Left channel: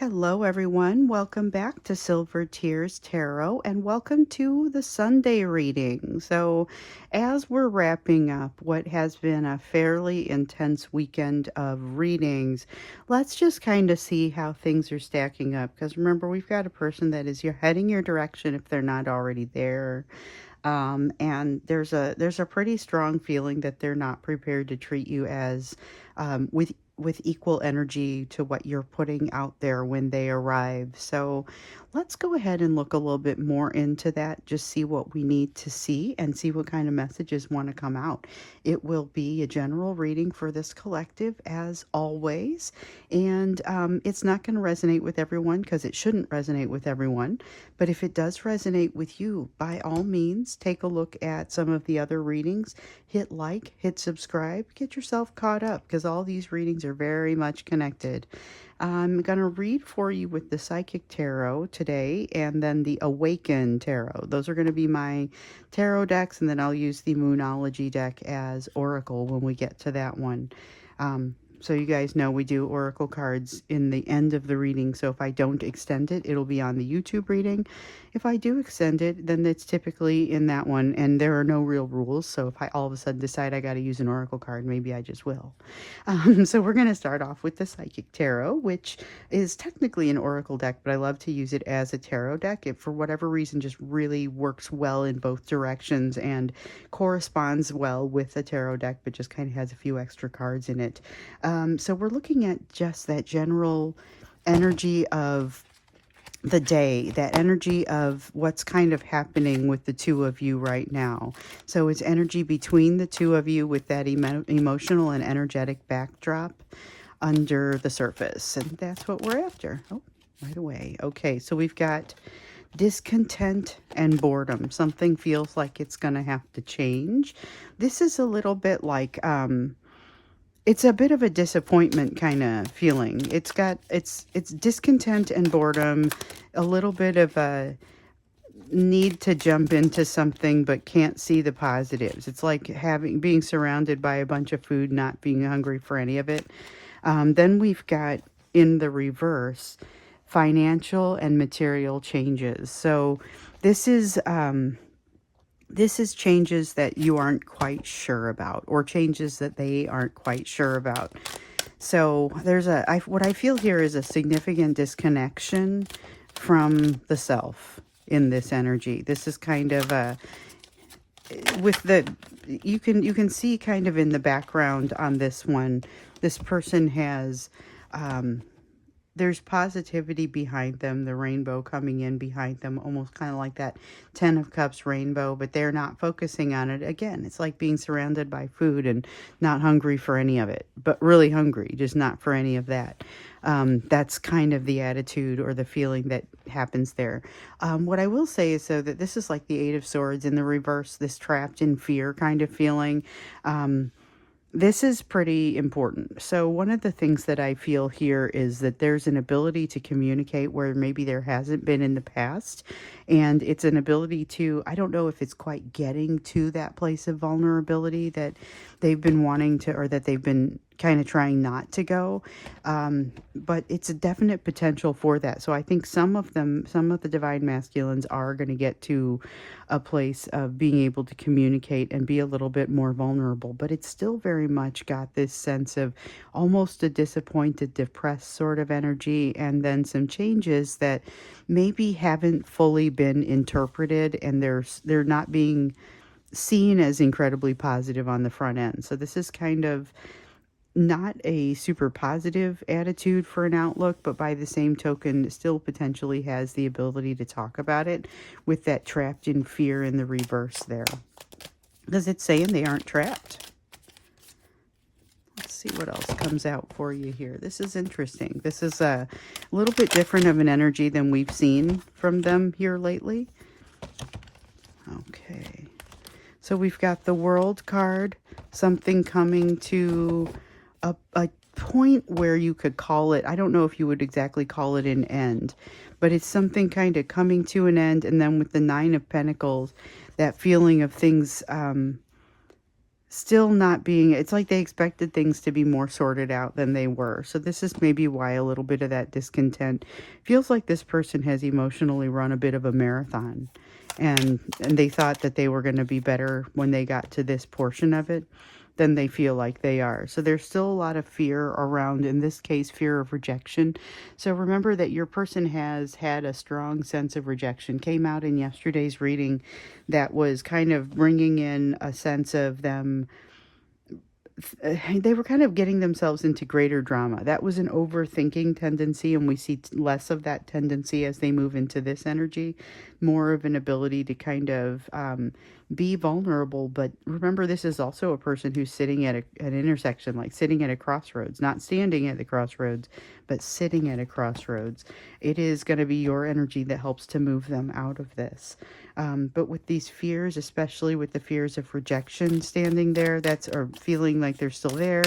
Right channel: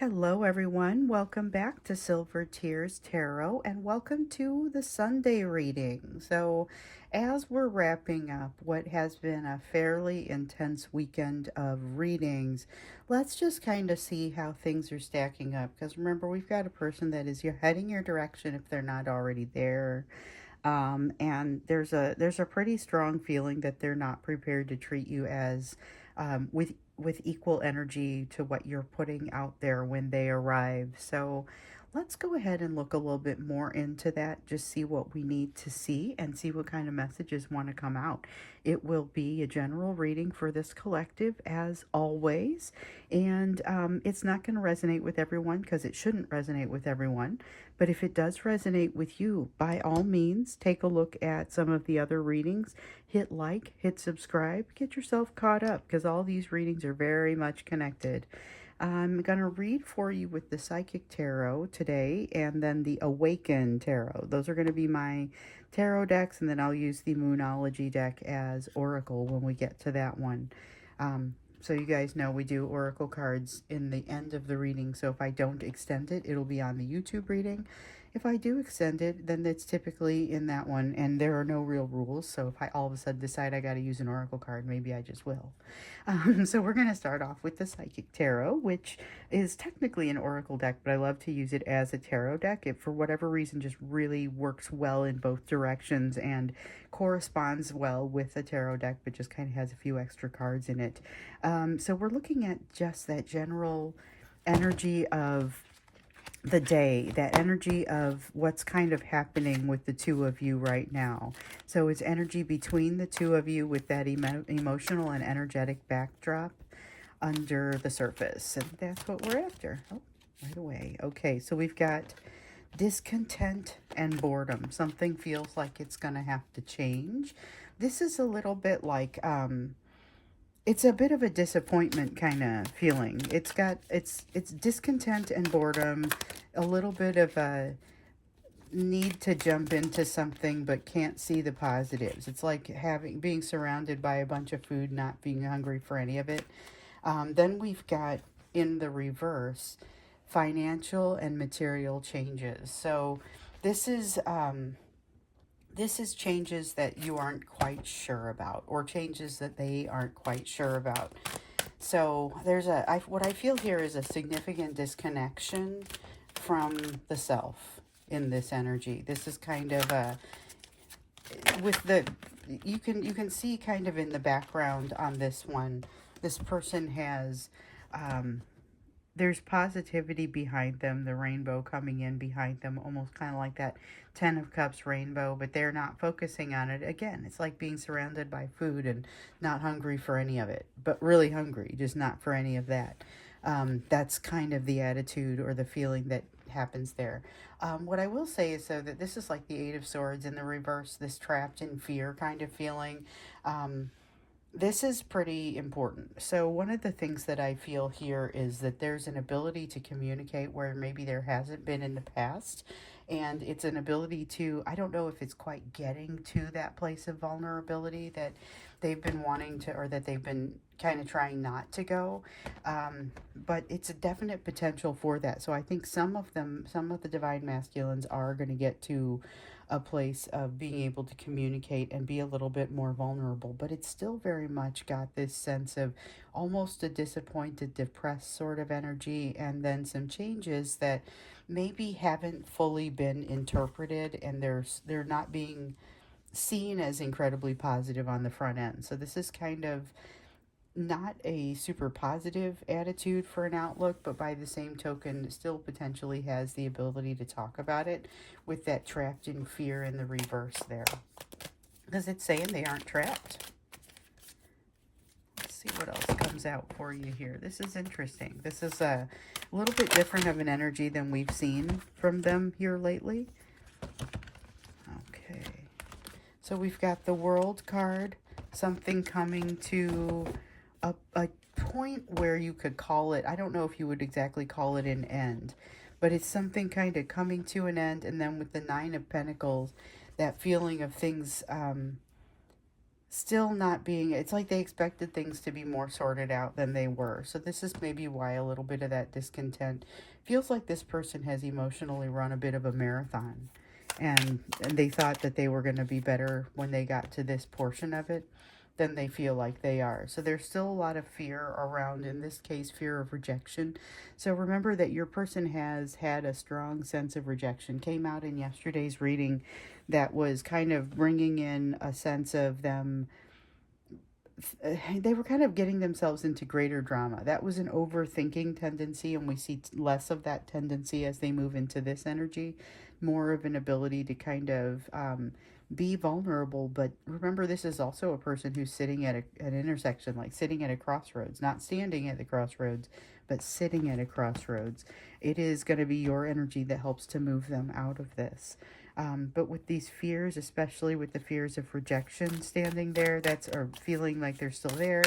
Hello, everyone. Welcome back to Silver Tears Tarot and welcome to the Sunday reading. So, as we're wrapping up what has been a fairly intense weekend of readings, let's just kind of see how things are stacking up. Because remember, we've got a person that is heading your direction if they're not already there. And there's a pretty strong feeling that they're not prepared to treat you as with equal energy to what you're putting out there when they arrive. So let's go ahead and look a little bit more into that, just see what we need to see and see what kind of messages want to come out. It will be a general reading for this collective as always, and it's not going to resonate with everyone because it shouldn't resonate with everyone. But if it does resonate with you, by all means, take a look at some of the other readings. Hit like, hit subscribe, get yourself caught up because all these readings are very much connected. I'm going to read for you with the Psychic Tarot today and then the Awaken Tarot. Those are going to be my tarot decks, and then I'll use the Moonology deck as Oracle when we get to that one. So you guys know we do oracle cards in the end of the reading, so if I don't extend it, it'll be on the YouTube reading. If I do extend it, then it's typically in that one, and there are no real rules, so if I all of a sudden decide I got to use an oracle card, maybe I just will. So we're going to start off with the Psychic Tarot, which is technically an oracle deck, but I love to use it as a tarot deck. It, for whatever reason, just really works well in both directions and corresponds well with the tarot deck, but just kind of has a few extra cards in it. So we're looking at just that general energy of the day, that energy of what's kind of happening with the two of you right now. So it's energy between the two of you with that emotional and energetic backdrop under the surface. And that's what we're after. Oh, right away. Okay, so we've got discontent and boredom. Something feels like it's going to have to change. This is a little bit like, it's a bit of a disappointment kind of feeling. It's discontent and boredom, a little bit of a need to jump into something but can't see the positives. It's like being surrounded by a bunch of food, not being hungry for any of it. Then we've got in the reverse, financial and material changes. So this is changes that you aren't quite sure about, or changes that they aren't quite sure about. So there's what I feel here is a significant disconnection from the self in this energy. This is kind of with the, you can see kind of in the background on this one, this person has, there's positivity behind them, the rainbow coming in behind them, almost kind of like that 10 of Cups rainbow, but they're not focusing on it. Again, it's like being surrounded by food and not hungry for any of it, but really hungry, just not for any of that. That's kind of the attitude or the feeling that happens there. What I will say is, so that this is like the Eight of Swords in the reverse, this trapped in fear kind of feeling. This is pretty important. So one of the things that I feel here is that there's an ability to communicate where maybe there hasn't been in the past. And it's an ability to, I don't know if it's quite getting to that place of vulnerability that they've been wanting to, or that they've been kind of trying not to go. But it's a definite potential for that. So I think some of the divine masculines are going to get to a place of being able to communicate and be a little bit more vulnerable, but it's still very much got this sense of almost a disappointed, depressed sort of energy, and then some changes that maybe haven't fully been interpreted, and they're not being seen as incredibly positive on the front end. So this is kind of not a super positive attitude for an outlook, but by the same token, still potentially has the ability to talk about it with that trapped in fear in the reverse there. Because it's saying they aren't trapped. Let's see what else comes out for you here. This is interesting. This is a little bit different of an energy than we've seen from them here lately. Okay. So we've got the World card, something coming to a point where you could call it, I don't know if you would exactly call it an end, but it's something kind of coming to an end. And then with the Nine of Pentacles, that feeling of things still not being, it's like they expected things to be more sorted out than they were. So this is maybe why a little bit of that discontent feels like this person has emotionally run a bit of a marathon, and they thought that they were going to be better when they got to this portion of it than they feel like they are. So there's still a lot of fear around, in this case, fear of rejection. So remember that your person has had a strong sense of rejection. Came out in yesterday's reading that was kind of bringing in a sense of them. They were kind of getting themselves into greater drama. That was an overthinking tendency, and we see less of that tendency as they move into this energy. More of an ability to kind of be vulnerable. But remember, this is also a person who's sitting at an intersection, like sitting at a crossroads, not standing at the crossroads, but sitting at a crossroads. It is going to be your energy that helps to move them out of this. But with these fears, especially with the fears of rejection standing there, or feeling like they're still there,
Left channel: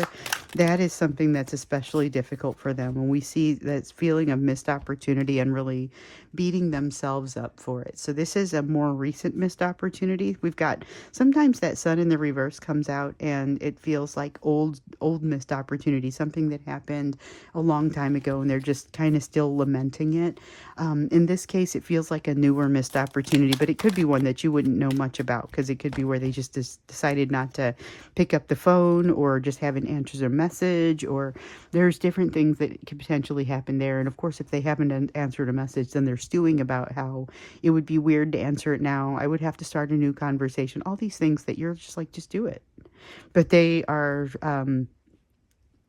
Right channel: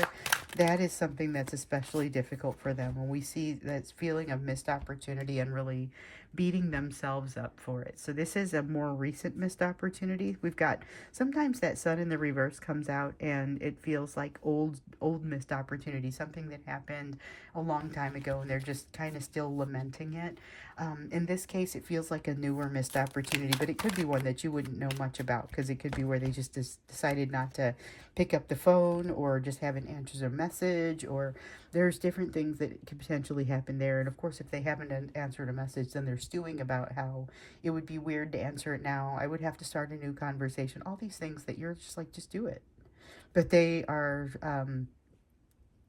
that is something that's especially difficult for them. When we see that feeling of missed opportunity and really beating themselves up for it. So this is a more recent missed opportunity. We've got, sometimes that sun in the reverse comes out and it feels like old missed opportunity, something that happened a long time ago and they're just kind of still lamenting it. In this case, it feels like a newer missed opportunity, but it could be one that you wouldn't know much about, because it could be where they just decided not to pick up the phone, or just haven't answered a message, or there's different things that could potentially happen there. And of course, if they haven't answered a message, then they're stewing about how it would be weird to answer it now. I would have to start a new conversation. All these things that you're just like, just do it. But they are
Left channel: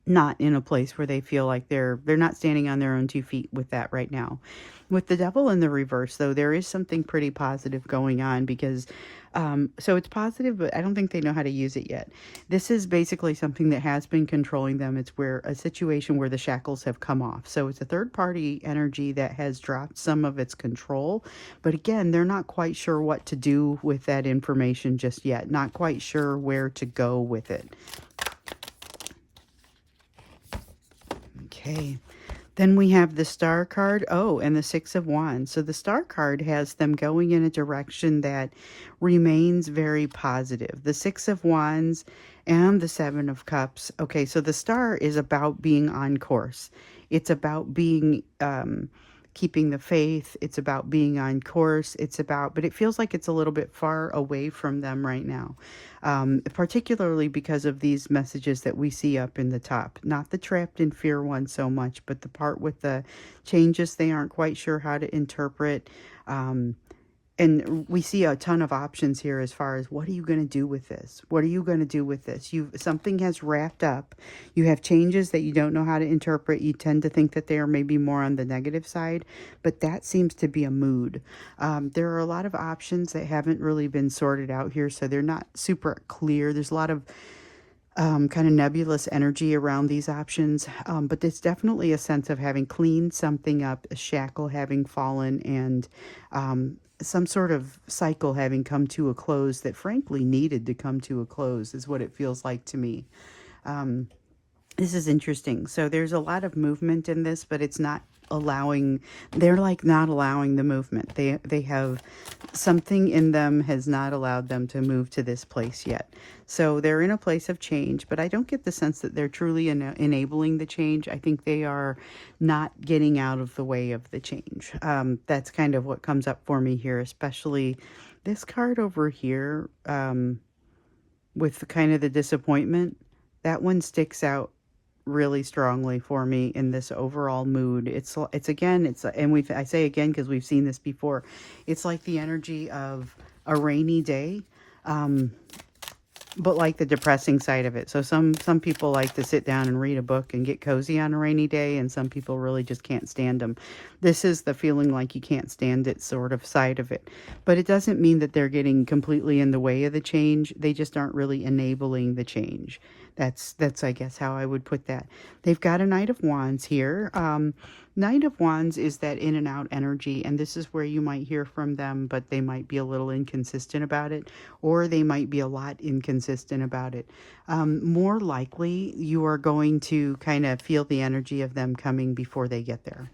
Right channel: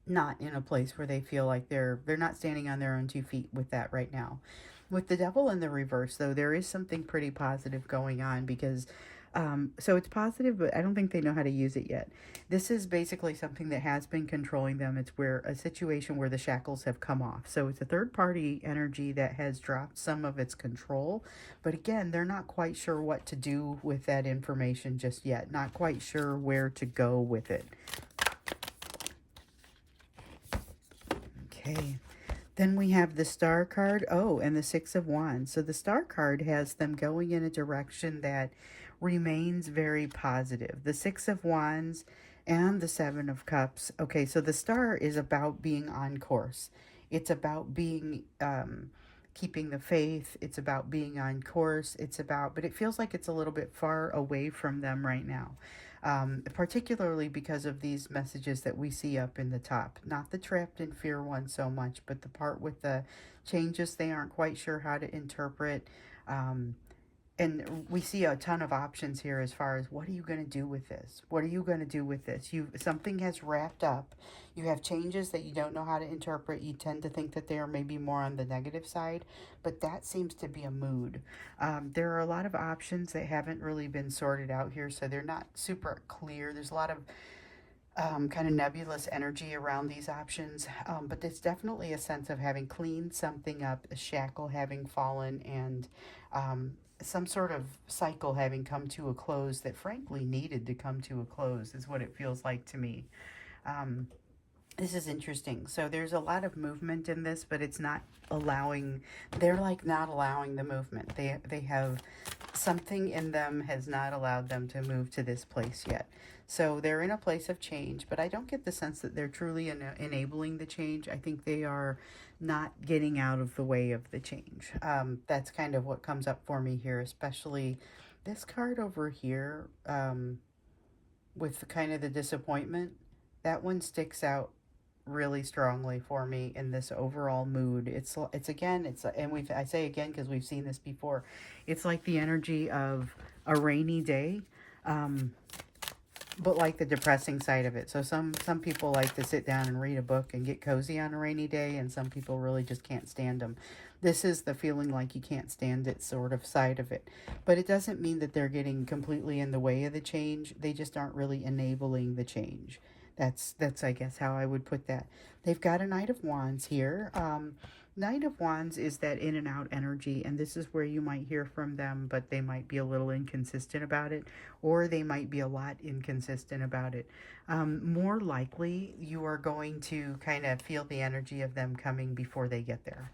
not in a place where they feel like they're not standing on their own 2 feet with that right now. With the devil in the reverse, though, there is something pretty positive going on, because so it's positive, but I don't think they know how to use it yet. This is basically something that has been controlling them. It's where a situation where the shackles have come off. So it's a third party energy that has dropped some of its control. But again, they're not quite sure what to do with that information just yet. Not quite sure where to go with it. Okay. Then we have the Star card. Oh, and the Six of Wands. So the Star card has them going in a direction that remains very positive. The Six of Wands and the Seven of Cups. Okay, so the Star is about being on course. It's about being, keeping the faith. It's about being on course. But it feels like it's a little bit far away from them right now. Particularly because of these messages that we see up in the top. Not the trapped in fear one so much, but the part with the changes they aren't quite sure how to interpret. And we see a ton of options here as far as, what are you going to do with this? What are you going to do with this? Something has wrapped up. You have changes that you don't know how to interpret. You tend to think that they are maybe more on the negative side, but that seems to be a mood. There are a lot of options that haven't really been sorted out here, so they're not super clear. There's a lot of kind of nebulous energy around these options, but there's definitely a sense of having cleaned something up, a shackle having fallen, and some sort of cycle having come to a close that frankly needed to come to a close, is what it feels like to me. This is interesting. So there's a lot of movement in this, but it's not allowing, they're like not allowing the movement. They have something in them has not allowed them to move to this place yet. So they're in a place of change, but I don't get the sense that they're truly enabling the change. I think they are not getting out of the way of the change. That's kind of what comes up for me here, especially this card over here, with kind of the disappointment. That one sticks out really strongly for me in this overall mood. It's again, and I say again because we've seen this before. It's like the energy of a rainy day, but like the depressing side of it. So some people like to sit down and read a book and get cozy on a rainy day, and some people really just can't stand them. This is the feeling like you can't stand it sort of side of it. But it doesn't mean that they're getting completely in the way of the change. They just aren't really enabling the change. That's I guess how I would put that. They've got a Knight of Wands here. Knight of Wands is that in and out energy, and this is where you might hear from them, but they might be a little inconsistent about it, or they might be a lot inconsistent about it. More likely, you are going to kind of feel the energy of them coming before they get there.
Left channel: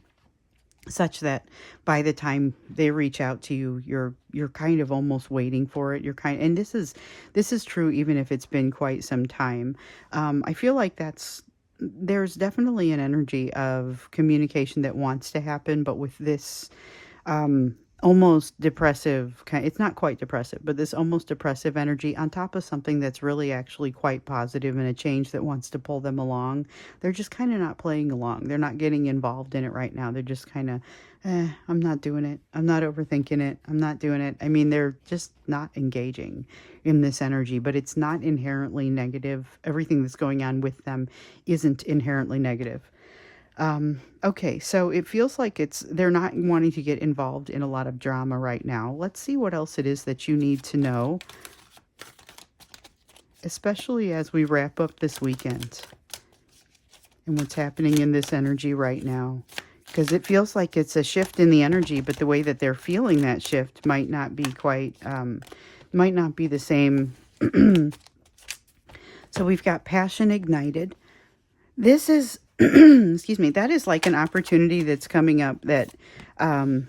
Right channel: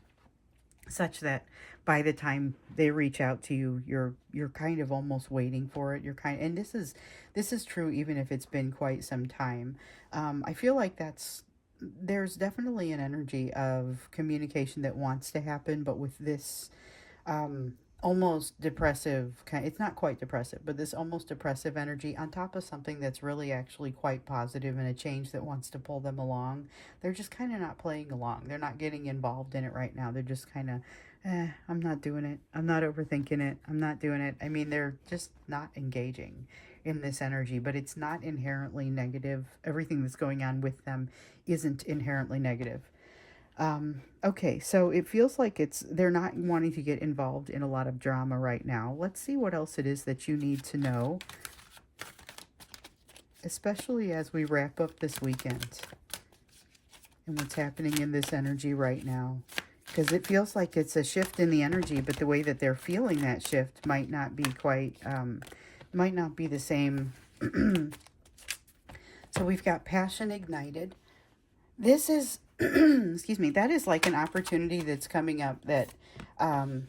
such that by the time they reach out to you, you're kind of almost waiting for it. And this is true even if it's been quite some time. I feel like there's definitely an energy of communication that wants to happen, but with this almost depressive kind, it's not quite depressive, but this almost depressive energy on top of something that's really actually quite positive and a change that wants to pull them along. They're just kind of not playing along. They're not getting involved in it right now. They're just kind of, I'm not doing it. I'm not overthinking it. I'm not doing it. I mean, they're just not engaging in this energy, but it's not inherently negative. Everything that's going on with them isn't inherently negative. Okay, so it feels like they're not wanting to get involved in a lot of drama right now. Let's see what else it is that you need to know, especially as we wrap up this weekend and what's happening in this energy right now. Because it feels like it's a shift in the energy, but the way that they're feeling that shift might not be might not be the same. So we've got passion ignited. This is, excuse me, that is like an opportunity that's coming up that, I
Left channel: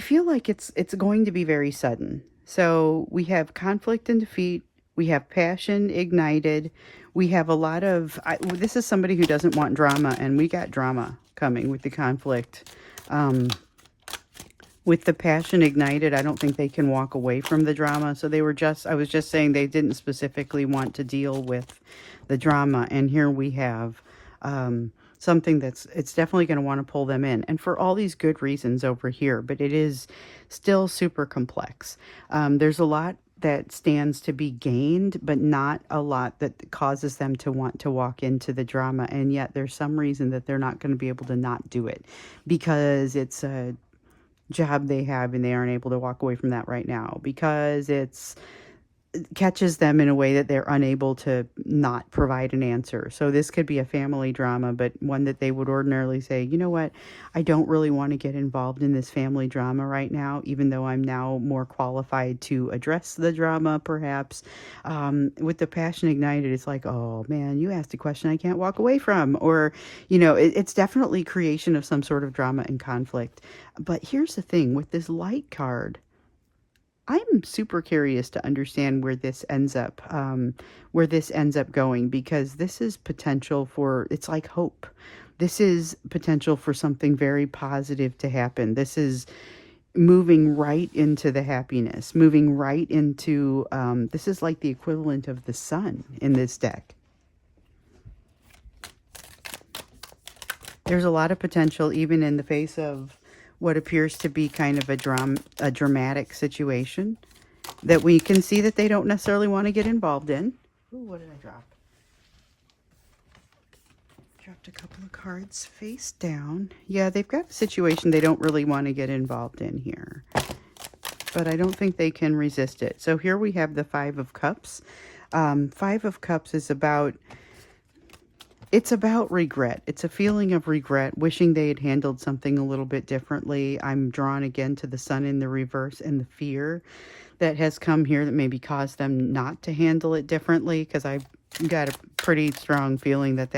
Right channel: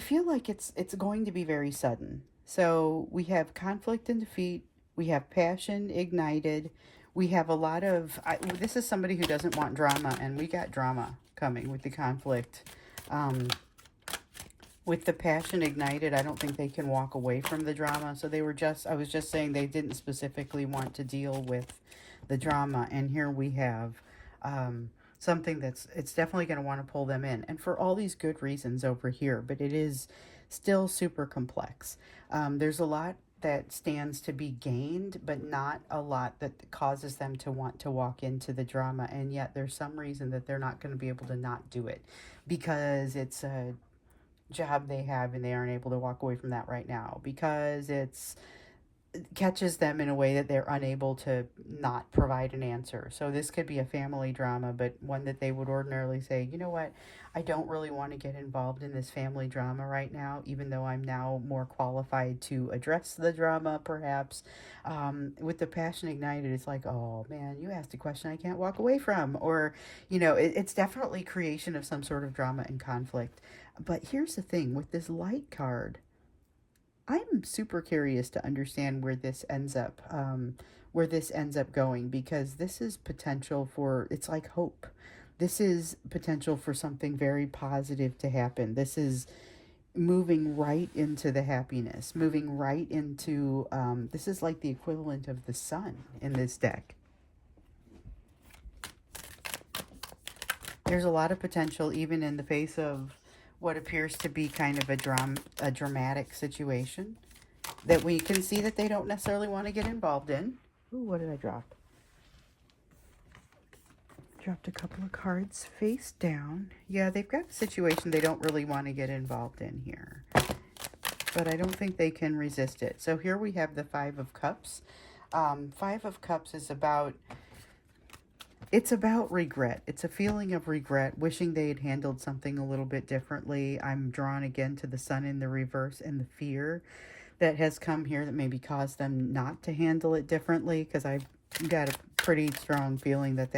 feel like it's going to be very sudden. So we have conflict and defeat. We have passion ignited. We have a lot of, this is somebody who doesn't want drama, and we got drama coming with the conflict. With the passion ignited, I don't think they can walk away from the drama. So I was just saying they didn't specifically want to deal with the drama. And here we have something it's definitely going to want to pull them in. And for all these good reasons over here, but it is still super complex. There's a lot that stands to be gained, but not a lot that causes them to want to walk into the drama. And yet there's some reason that they're not going to be able to not do it because it's a job they have and they aren't able to walk away from that right now because it catches them in a way that they're unable to not provide an answer. So this could be a family drama, but one that they would ordinarily say, you know what, I don't really want to get involved in this family drama right now, even though I'm now more qualified to address the drama, perhaps. With the passion ignited, it's like, oh man, you asked a question I can't walk away from. Or, it's definitely creation of some sort of drama and conflict. But here's the thing with this light card, I'm super curious to understand where this ends up going, because this is potential for, it's like hope. This is potential for something very positive to happen. This is moving right into the happiness, moving right into, this is like the equivalent of the sun in this deck. There's a lot of potential even in the face of what appears to be kind of a dramatic situation that we can see that they don't necessarily want to get involved in. Ooh, what did I drop? Dropped a couple of cards face down. Yeah, they've got a situation they don't really want to get involved in here. But I don't think they can resist it. So here we have the Five of Cups. Five of Cups is about... It's about regret. It's a feeling of regret, wishing they had handled something a little bit differently. I'm drawn again to the sun in the reverse and the fear that has come here that maybe caused them not to handle it differently, because I've got a pretty strong feeling that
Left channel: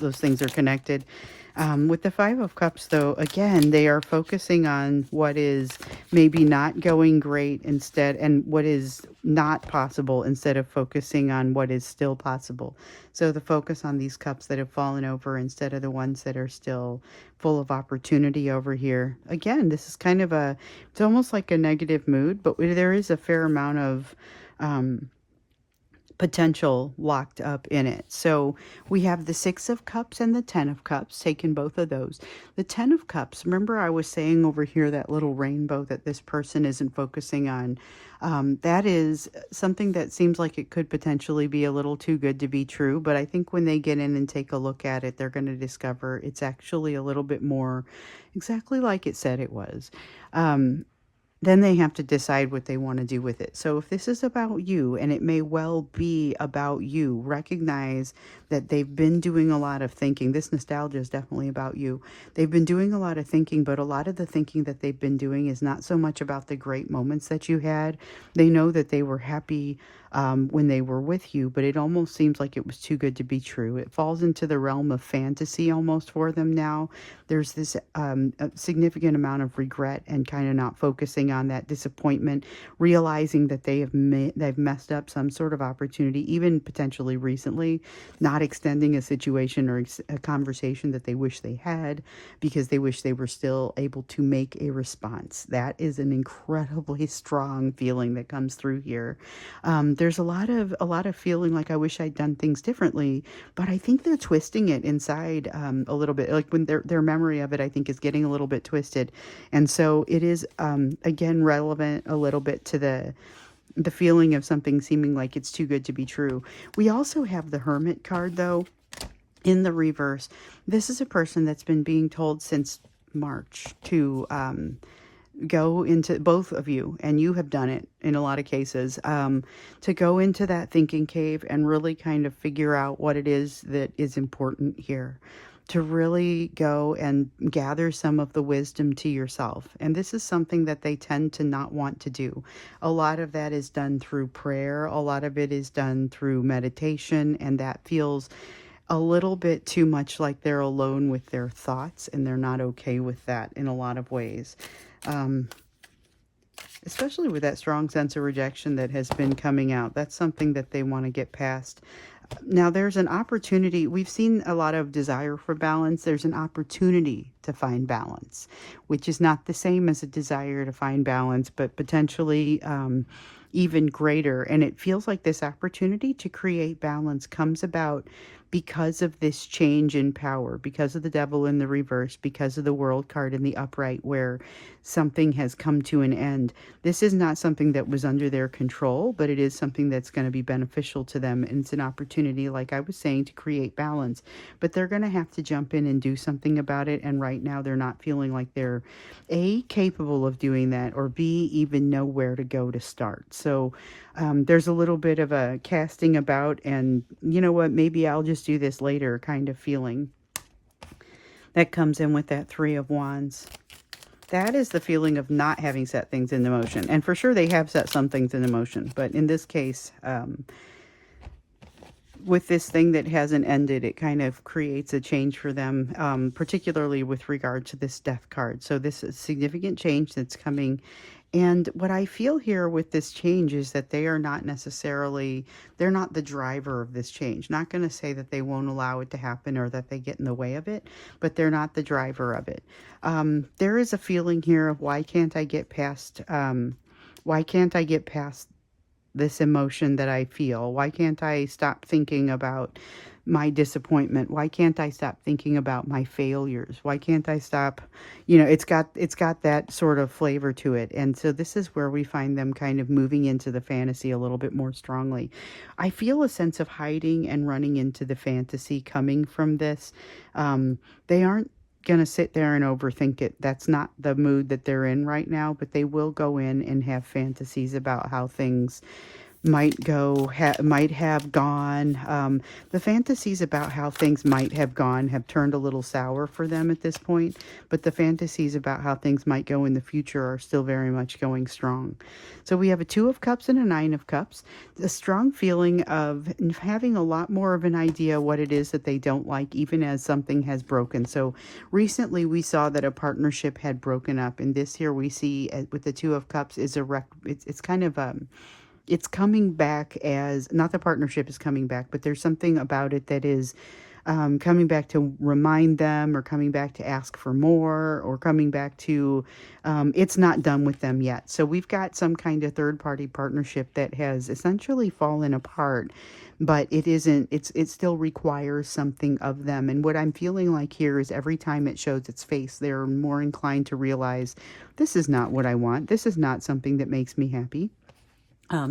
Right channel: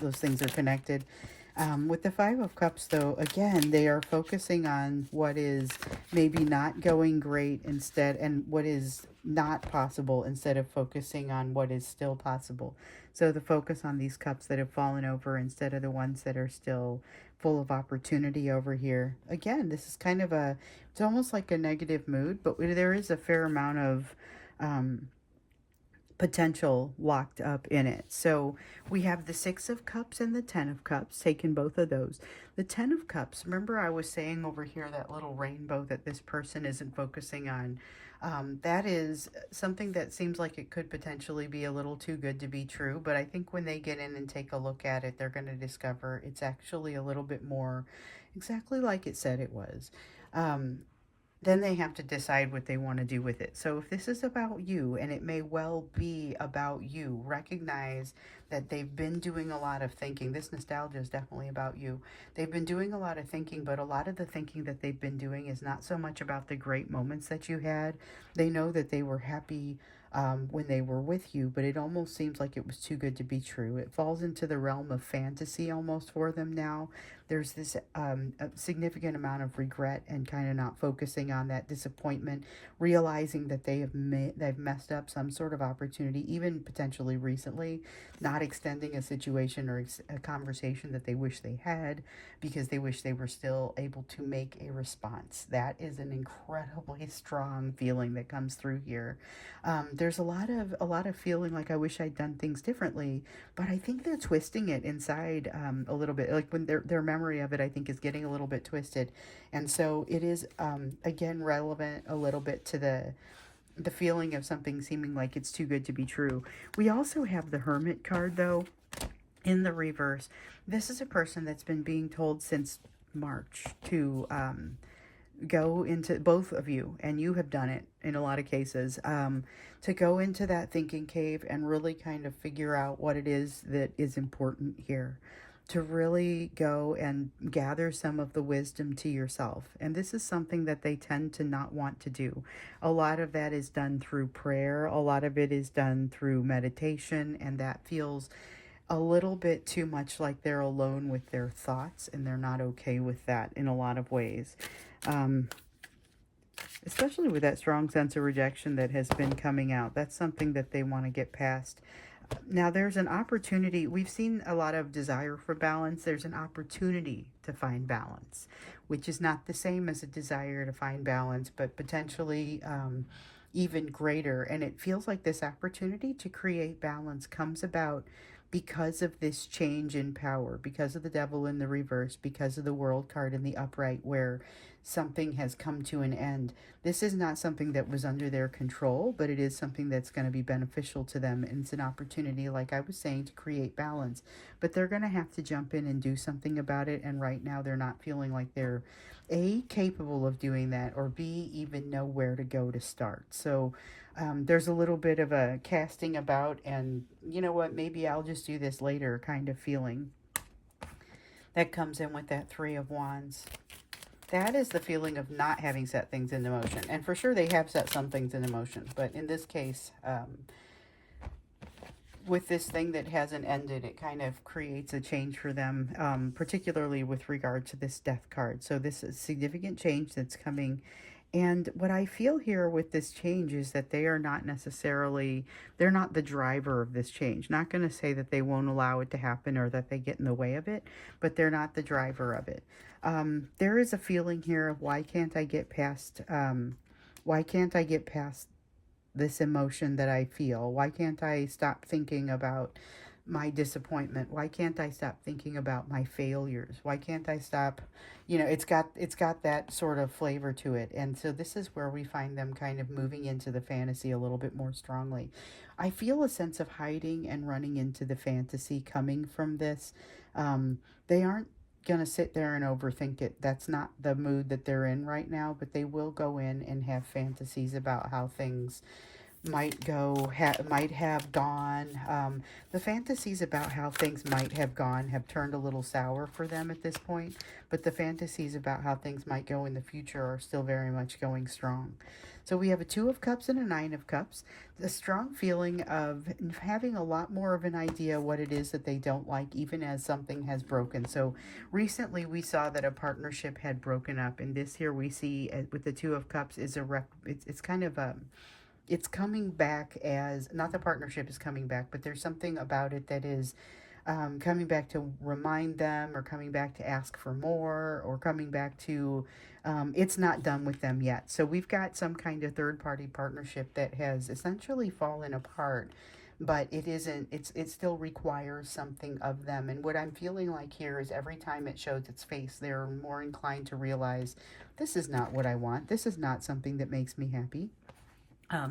those things are connected. With the Five of Cups, though, again, they are focusing on what is maybe not going great instead, and what is not possible, instead of focusing on what is still possible. So the focus on these cups that have fallen over instead of the ones that are still full of opportunity over here. Again, this is kind of it's almost like a negative mood, but there is a fair amount of potential locked up in it. So we have the Six of Cups and the Ten of Cups, taking both of those. The Ten of Cups, remember I was saying over here that little rainbow that this person isn't focusing on. That is something that seems like it could potentially be a little too good to be true, but I think when they get in and take a look at it, they're going to discover it's actually a little bit more exactly like it said it was. Then they have to decide what they want to do with it. So if this is about you, and it may well be about you, recognize that they've been doing a lot of thinking. This nostalgia is definitely about you. They've been doing a lot of thinking, but a lot of the thinking that they've been doing is not so much about the great moments that you had. They know that they were happy when they were with you, but it almost seems like it was too good to be true. It falls into the realm of fantasy almost for them now. There's this a significant amount of regret and kind of not focusing on that disappointment, realizing that they've messed up some sort of opportunity, even potentially recently, not extending a situation or a conversation that they wish they had because they wish they were still able to make a response. That is an incredibly strong feeling that comes through here. There's a lot of feeling like I wish I'd done things differently, but I think they're twisting it inside a little bit. Like when their memory of it, I think, is getting a little bit twisted, and so it is again relevant a little bit to the feeling of something seeming like it's too good to be true. We also have the Hermit card though in the reverse. This is a person that's been being told since March to go into, both of you, and you have done it in a lot of cases, to go into that thinking cave and really kind of figure out what it is that is important here, to really go and gather some of the wisdom to yourself. And this is something that they tend to not want to do. A lot of that is done through prayer, a lot of it is done through meditation, and that feels a little bit too much like they're alone with their thoughts, and they're not okay with that in a lot of ways. Um, Especially with that strong sense of rejection that has been coming out. That's something that they want to get past. Now, there's an opportunity. We've seen a lot of desire for balance. There's an opportunity to find balance, which is not the same as a desire to find balance, but potentially even greater. And it feels like this opportunity to create balance comes about because of this change in power, because of the devil in the reverse, because of the world card in the upright, where something has come to an end. This is not something that was under their control, but it is something that's going to be beneficial to them. And it's an opportunity, like I was saying, to create balance. But they're going to have to jump in and do something about it. And right now they're not feeling like they're A, capable of doing that, or B, even know where to go to start. So there's a little bit of a casting about and, you know what, maybe I'll just do this later kind of feeling that comes in with that Three of Wands. That is the feeling of not having set things into motion. And for sure they have set some things into motion. But in this case, with this thing that hasn't ended, it kind of creates a change for them, particularly with regard to this Death card. So this is significant change that's coming. And what I feel here with this change is that they are not necessarily, they're not the driver of this change. Not going to say that they won't allow it to happen or that they get in the way of it, but they're not the driver of it. There is a feeling here of why can't I get past this emotion that I feel? Why can't I stop thinking about my disappointment? Why can't I stop thinking about my failures? Why can't I stop, it's got that sort of flavor to it. And so this is where we find them kind of moving into the fantasy a little bit more strongly. I feel a sense of hiding and running into the fantasy coming from this. They aren't going to sit there and overthink it. That's not the mood that they're in right now, but they will go in and have fantasies about how things might have gone. The fantasies about how things might have gone have turned a little sour for them at this point, but the fantasies about how things might go in the future are still very much going strong. So we have a Two of Cups and a Nine of Cups, a strong feeling of having a lot more of an idea what it is that they don't like, even as something has broken. So recently we saw that a partnership had broken up, and this here we see with the Two of Cups is it's kind of it's coming back as, not the partnership is coming back, but there's something about it that is coming back to remind them, or coming back to ask for more, or coming back to, it's not done with them yet. So we've got some kind of third-party partnership that has essentially fallen apart, but it still requires something of them. And what I'm feeling like here is every time it shows its face, they're more inclined to realize, this is not what I want. This is not something that makes me happy.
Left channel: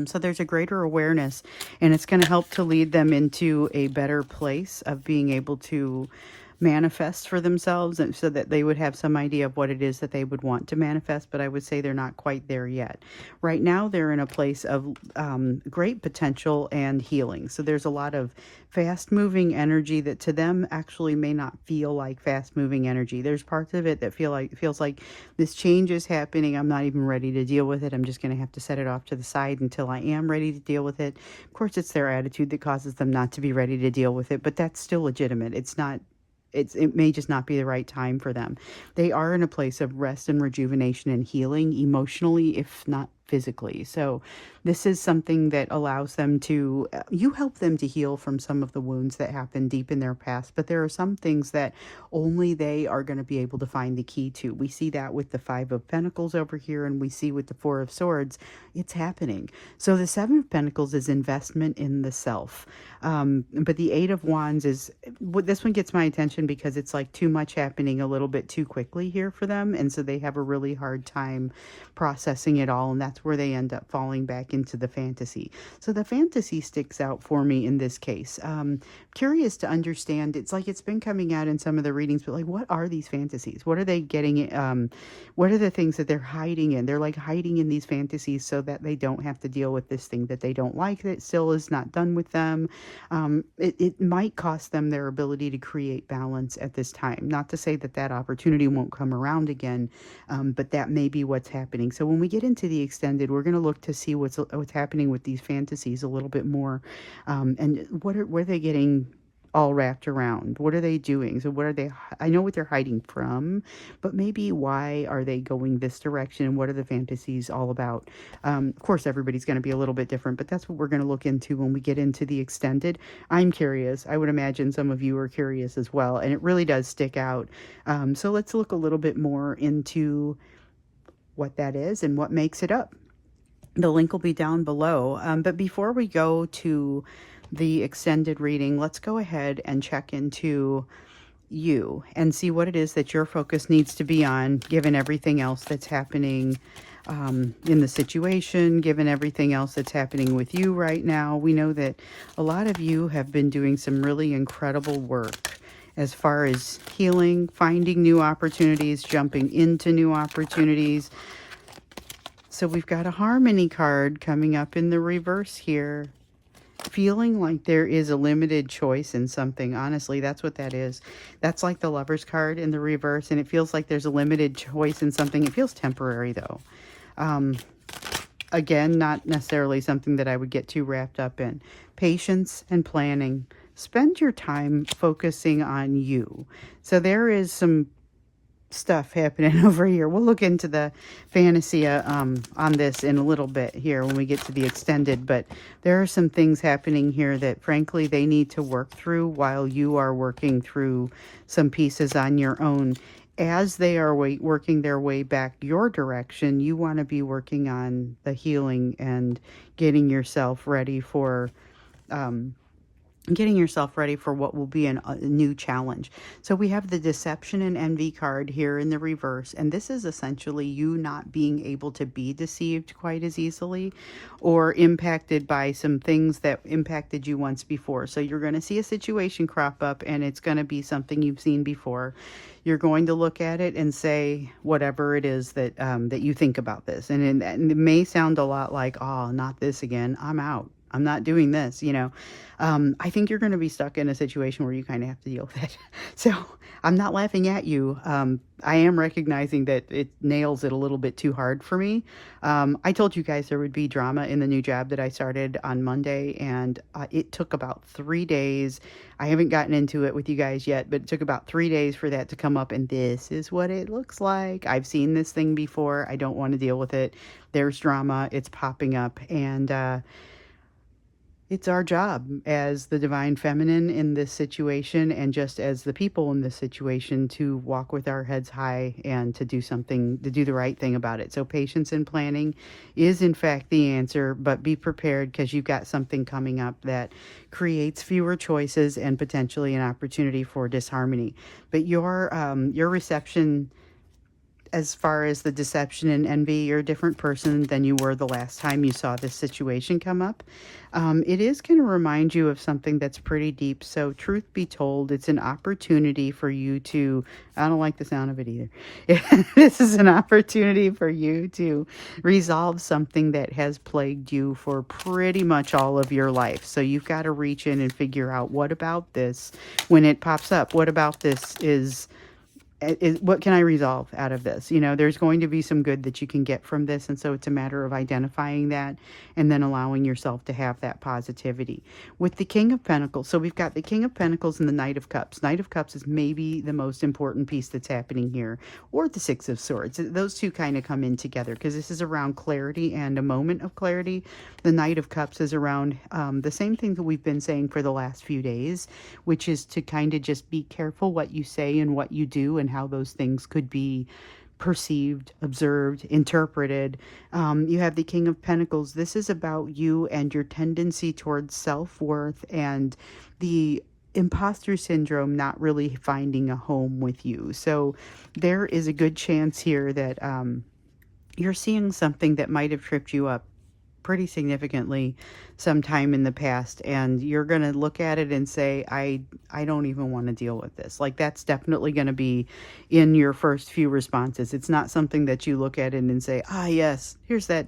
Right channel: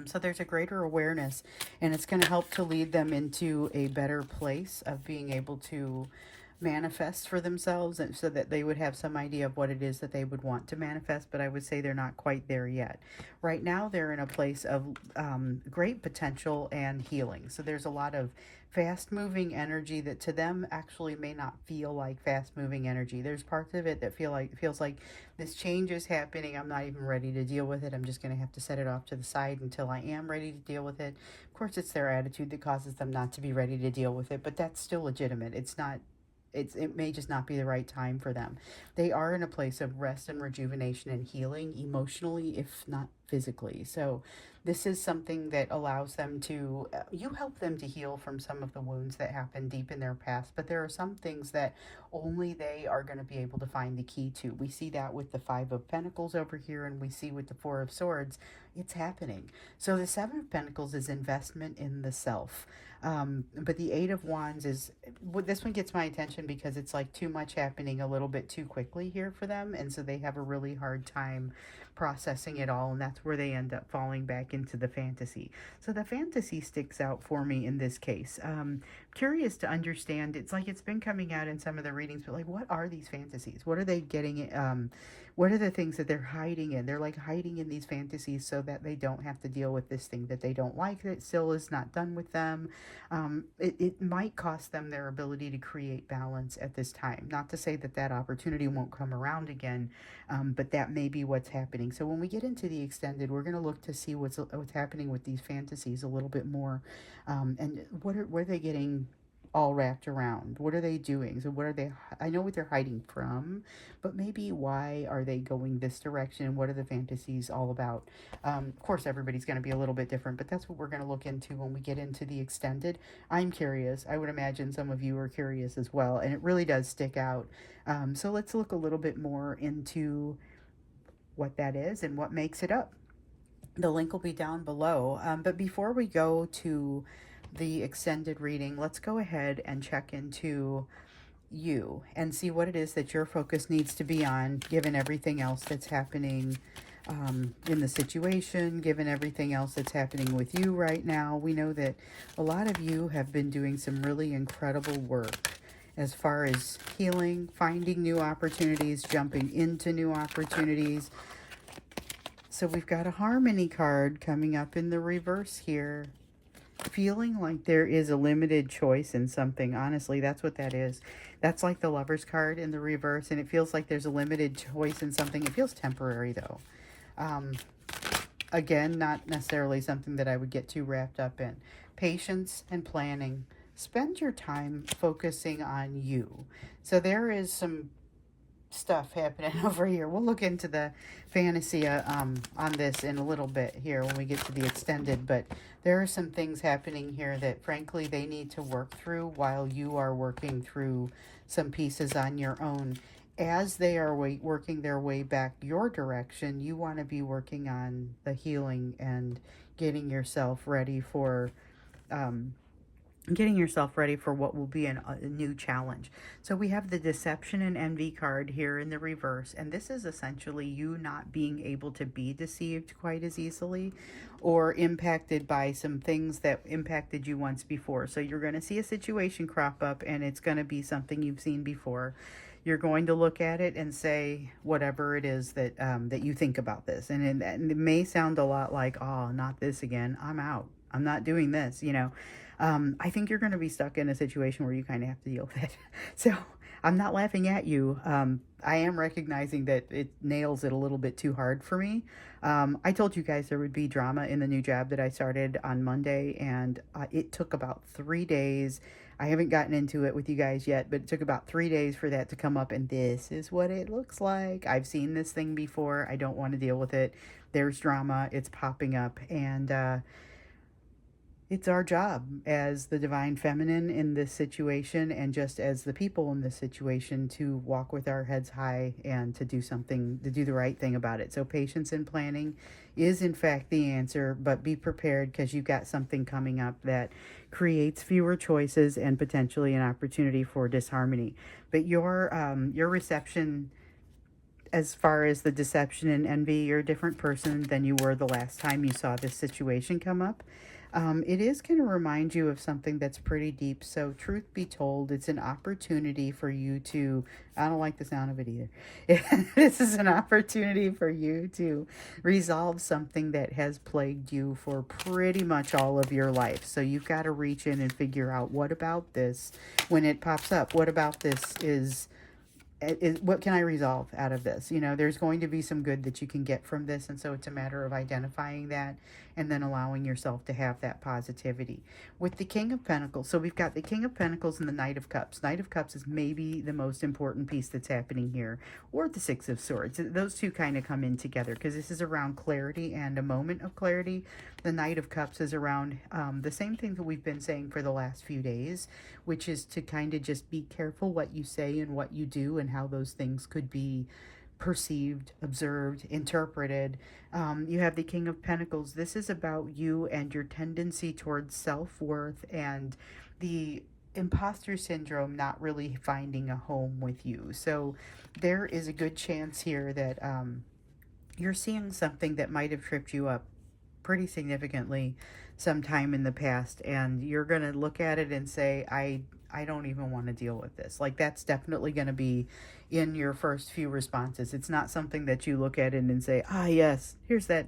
So there's a greater awareness, and it's going to help to lead them into a better place of being able to manifest for themselves, and so that they would have some idea of what it is that they would want to manifest, but I would say they're not quite there yet. Right now, they're in a place of great potential and healing. So there's a lot of fast moving energy that to them actually may not feel like fast moving energy. There's parts of it that feels like this change is happening. I'm not even ready to deal with it. I'm just going to have to set it off to the side until I am ready to deal with it. Of course, it's their attitude that causes them not to be ready to deal with it, but that's still legitimate. It may just not be the right time for them. They are in a place of rest and rejuvenation and healing emotionally, if not physically. So this is something that allows them to, you help them to heal from some of the wounds that happened deep in their past, but there are some things that only they are going to be able to find the key to. We see that with the Five of Pentacles over here, and we see with the Four of Swords, it's happening. So the Seven of Pentacles is investment in the self. But the Eight of Wands is, this one gets my attention because it's like too much happening a little bit too quickly here for them. And so they have a really hard time processing it all. And that's where they end up falling back into the fantasy. So the fantasy sticks out for me in this case. Curious to understand, it's like it's been coming out in some of the readings, but like, what are these fantasies? What are they getting? What are the things that they're hiding in? They're like hiding in these fantasies so that they don't have to deal with this thing that they don't like, that still is not done with them. It might cost them their ability to create balance at this time. Not to say that that opportunity won't come around again, but that may be what's happening. So when we get into the extended, we're going to look to see what's happening with these fantasies a little bit more, and what are they getting all wrapped around? What are they doing? So what are they, I know what they're hiding from, but maybe why are they going this direction, and what are the fantasies all about? Of course, everybody's going to be a little bit different, but that's what we're going to look into when we get into the extended. I'm curious. I would imagine some of you are curious as well, and it really does stick out. So let's look a little bit more into what that is and what makes it up. The link will be down below. But before we go to the extended reading, let's go ahead and check into you and see what it is that your focus needs to be on, given everything else that's happening in the situation, given everything else that's happening with you right now. We know that a lot of you have been doing some really incredible work as far as healing, finding new opportunities, jumping into new opportunities. So we've got a Harmony card coming up in the reverse here. Feeling like there is a limited choice in something. Honestly, that's what that is. That's like the Lovers card in the reverse, and it feels like there's a limited choice in something. It feels temporary, though. Again, not necessarily something that I would get too wrapped up in. Patience and planning. Spend your time focusing on you. So there is some stuff happening over here. We'll look into the fantasy on this in a little bit here when we get to the extended, but there are some things happening here that frankly they need to work through while you are working through some pieces on your own. As they are working their way back your direction, you want to be working on the healing and getting yourself ready for what will be a new challenge. So we have the Deception and Envy card here in the reverse, and this is essentially you not being able to be deceived quite as easily or impacted by some things that impacted you once before. So you're going to see a situation crop up, and it's going to be something you've seen before. You're going to look at it and say whatever it is that that you think about this, and it may sound a lot like, oh, not this again, I'm out, I'm not doing this, you know. I think you're going to be stuck in a situation where you kind of have to deal with it. So I'm not laughing at you. I am recognizing that it nails it a little bit too hard for me. I told you guys there would be drama in the new job that I started on Monday, and it took about 3 days. I haven't gotten into it with you guys yet, but it took about 3 days for that to come up, and this is what it looks like. I've seen this thing before. I don't want to deal with it. There's drama. It's popping up, and it's our job as the divine feminine in this situation, and just as the people in this situation, to walk with our heads high and to do something, to do the right thing about it. So patience and planning is in fact the answer, but be prepared because you've got something coming up that creates fewer choices and potentially an opportunity for disharmony. But your reception as far as the deception and envy, you're a different person than you were the last time you saw this situation come up. It is going to remind you of something that's pretty deep. So, truth be told, it's an opportunity for you to, I don't like the sound of it either. This is an opportunity for you to resolve something that has plagued you for pretty much all of your life. So, you've got to reach in and figure out what about this, when it pops up, what about this is what can I resolve out of this? There's going to be some good that you can get from this. And so it's a matter of identifying that and then allowing yourself to have that positivity. With the King of Pentacles, so we've got the King of Pentacles and the Knight of Cups. Knight of Cups is maybe the most important piece that's happening here, or the Six of Swords. Those two kind of come in together because this is around clarity and a moment of clarity. The Knight of Cups is around the same thing that we've been saying for the last few days, which is to kind of just be careful what you say and what you do and how those things could be perceived, observed, interpreted. You have the King of Pentacles. This is about you and your tendency towards self-worth and the imposter syndrome not really finding a home with you. So there is a good chance here that you're seeing something that might have tripped you up pretty significantly sometime in the past, and you're going to look at it and say, I don't even want to deal with this. Like, that's definitely going to be in your first few responses. It's not something that you look at it and say, yes, here's that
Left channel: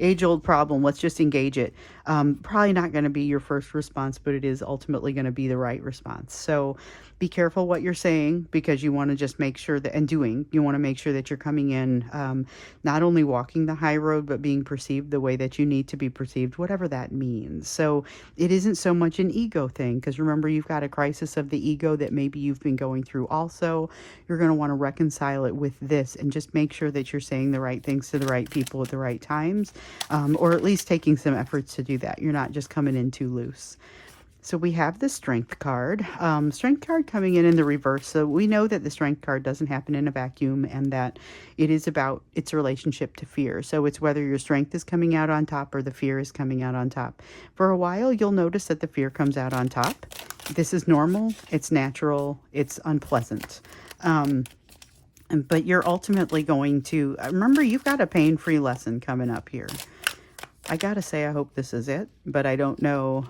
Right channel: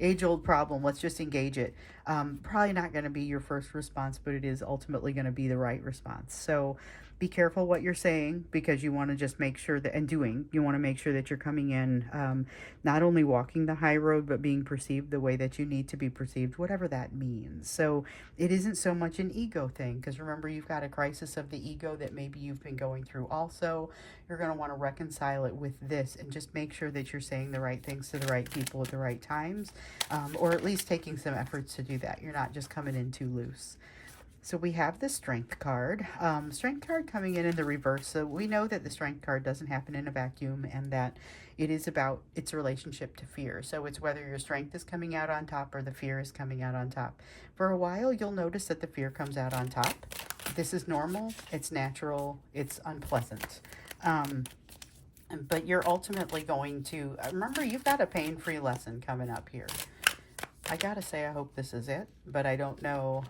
age-old problem, let's just engage it. Probably not going to be your first response, but it is ultimately going to be the right response. So be careful what you're saying, because you want to just make sure that, and doing, you want to make sure that you're coming in, not only walking the high road, but being perceived the way that you need to be perceived, whatever that means. So it isn't so much an ego thing, because remember, you've got a crisis of the ego that maybe you've been going through also. You're going to want to reconcile it with this and just make sure that you're saying the right things to the right people at the right times, or at least taking some efforts to do that. You're not just coming in too loose. So we have the Strength card. Strength card coming in the reverse. So we know that the Strength card doesn't happen in a vacuum, and that it is about its relationship to fear. So it's whether your strength is coming out on top or the fear is coming out on top. For a while, you'll notice that the fear comes out on top. This is normal. It's natural. It's unpleasant. But you're ultimately going to, remember, you've got a pain-free lesson coming up here. I gotta say, I hope this is it, but I don't know.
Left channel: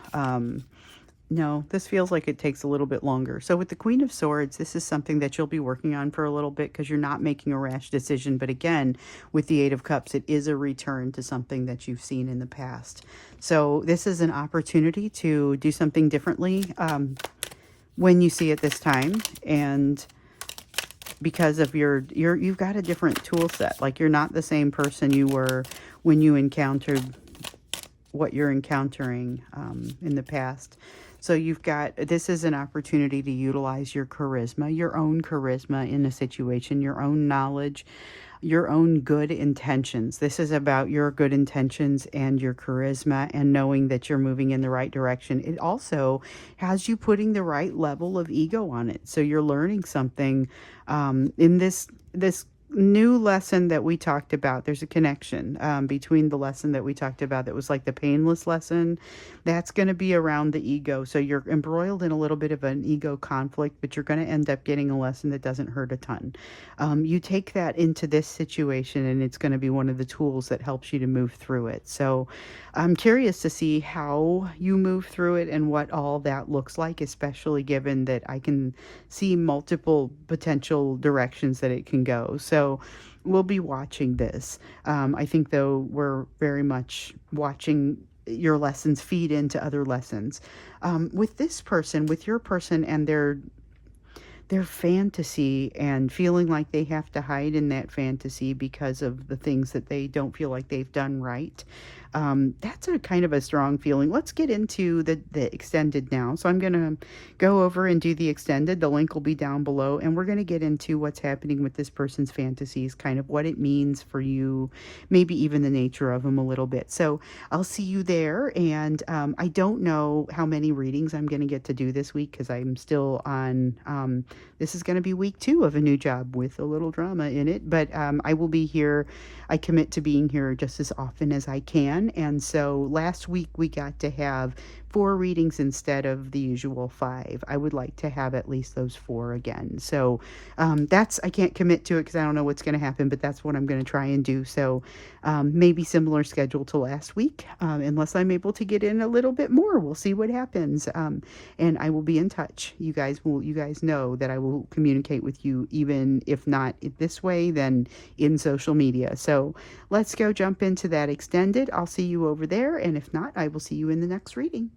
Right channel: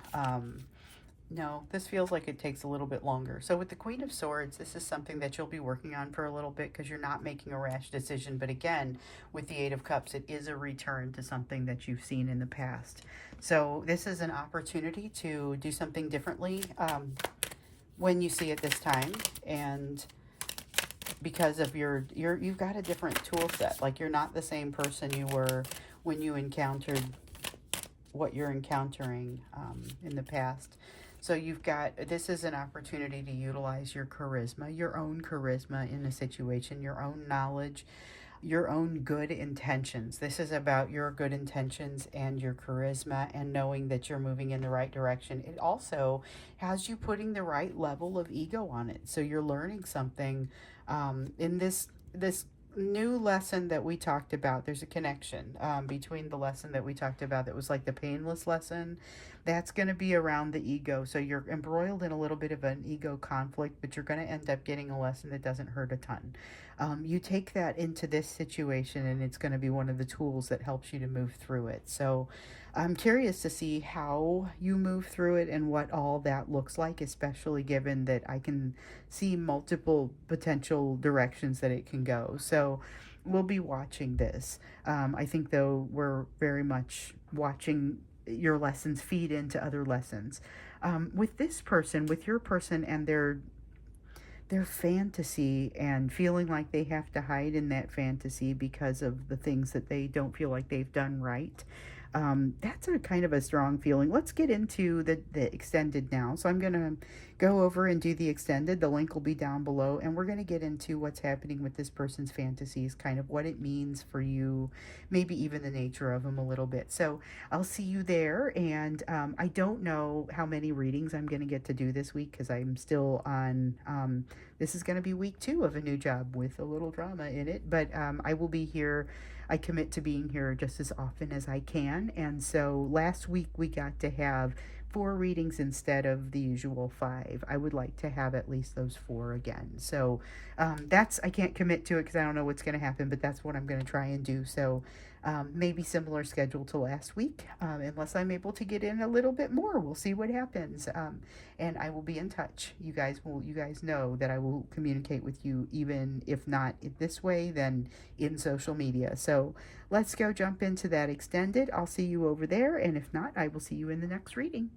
No, this feels like it takes a little bit longer. So with the Queen of Swords, this is something that you'll be working on for a little bit, because you're not making a rash decision. But again, with the Eight of Cups, it is a return to something that you've seen in the past. So this is an opportunity to do something differently when you see it this time. And because of you've got a different tool set. Like, you're not the same person you were when you encountered what you're encountering in the past. So this is an opportunity to utilize your charisma, your own charisma in a situation, your own knowledge, your own good intentions. This is about your good intentions and your charisma and knowing that you're moving in the right direction. It also has you putting the right level of ego on it. So you're learning something in this new lesson that we talked about. There's a connection between the lesson that we talked about that was like the painless lesson. That's going to be around the ego. So you're embroiled in a little bit of an ego conflict, but you're going to end up getting a lesson that doesn't hurt a ton. You take that into this situation, and it's going to be one of the tools that helps you to move through it. So I'm curious to see how you move through it and what all that looks like, especially given that I can see multiple potential directions that it can go. So we'll be watching this. I think, though, we're very much watching your lessons feed into other lessons. With this person, with your person and their fantasy, and feeling like they have to hide in that fantasy because of the things that they don't feel like they've done right. That's a kind of a strong feeling. Let's get into the extended now. So I'm going to go over and do the extended. The link will be down below, and we're going to get into what's happening with this person's fantasies, kind of what it means for you, maybe even the nature of them a little bit. So I'll see you there, and I don't know how many readings I'm going to get to do this week, because I'm still on, this is going to be week 2 of a new job with a little drama in it, but I will be here. I commit to being here just as often as I can. And so last week we got to have 4 readings instead of the usual 5. I would like to have at least those 4 again. So that's, I can't commit to it because I don't know what's going to happen, but that's what I'm going to try and do. So maybe similar schedule to last week, unless I'm able to get in a little bit more. We'll see what happens. And I will be in touch. You guys know that I will communicate with you, even if not this way, then in social media. So let's go jump into that extended. I'll see you over there, and if not, I will see you in the next reading.